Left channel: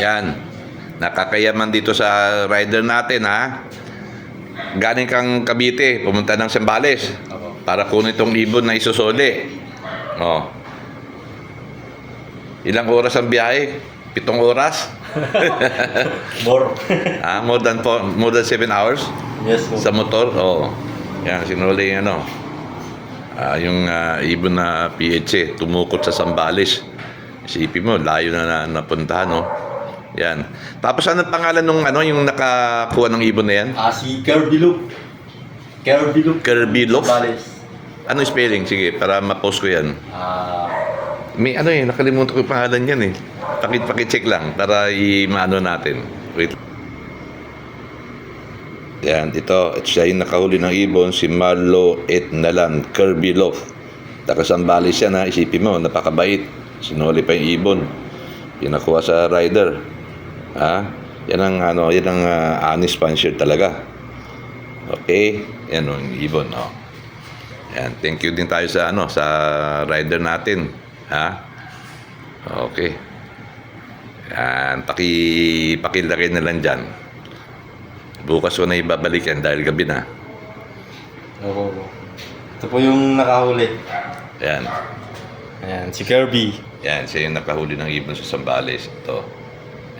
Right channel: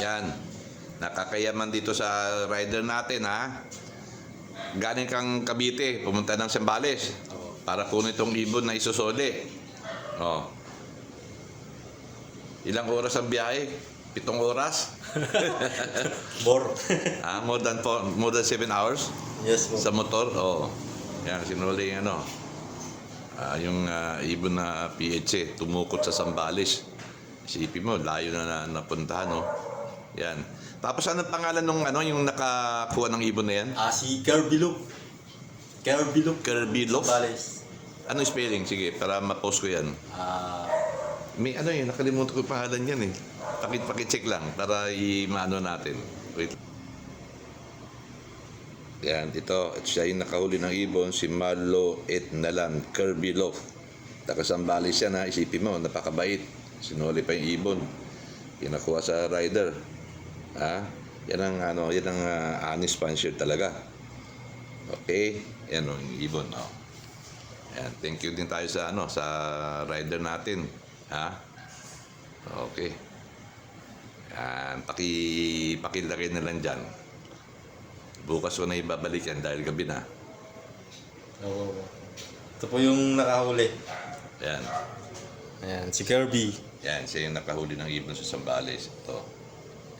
Yan. Nakakayaman dito sa rider natin, ha. Galing kang Cavite, pumunta ng Zambales para kunin itong ibon na isusuli. Oh. Ilang oras ang biyahe? 7 oras? More. More than 7 hours? Yes po. Sa motor? Oo. Yan, sinuli yung ano. Yung ibon na PH, tumukot sa Zambales. Isipin mo, layo na napuntahan, no? Yan. Tapos ano pangalan nung ano, yung nakakuha ng ibon na yan? Si Kirby Loop. Kirby Loop. Kirby Loop? Zambales. Ano spelling? Sige, para ma-post ko yan. May ano nakalimutan ko yung pangalan yan eh. Pakit-check lang para i-maano natin. Wait. Yan, ito. Siya yung nakahuli ng ibon, si Marlo Etnalan, Kirby Loaf. Taga Zambales yan, ha. Isipin mo, napakabait. Sinuli pa yung ibon. Pinakuha sa rider. Ha? Yan ang honest puncher talaga. Okay? Yan yung ibon, no. Yan, thank you din tayo sa sa rider natin. Ha? Okay. Yan, pakilagay na lang dyan. Bukas ko na ibabalik yan dahil gabi na. Oo. Ito po yung nakahuli. Yan. Ayan, si Kirby. Yan, siya yung nakahuli ng ibon sa Zambales. Ito.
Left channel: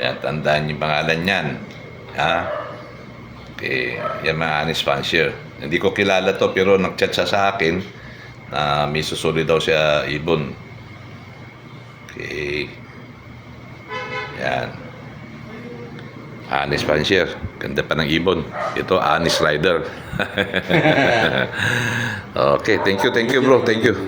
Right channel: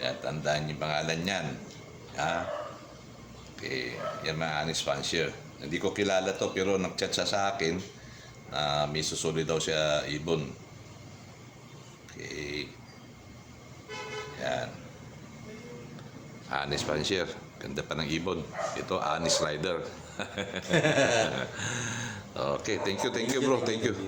Yan, tandaan yung pangalan niyan. Ha? Okay. Yan mga honest fancier. Hindi ko kilala to pero nag-chat siya sa akin na may susuli daw siya ibon. Okay. Yan. Honest fancier. Ganda pa ng ibon. Ito, honest rider. Okay, thank you bro. Thank you.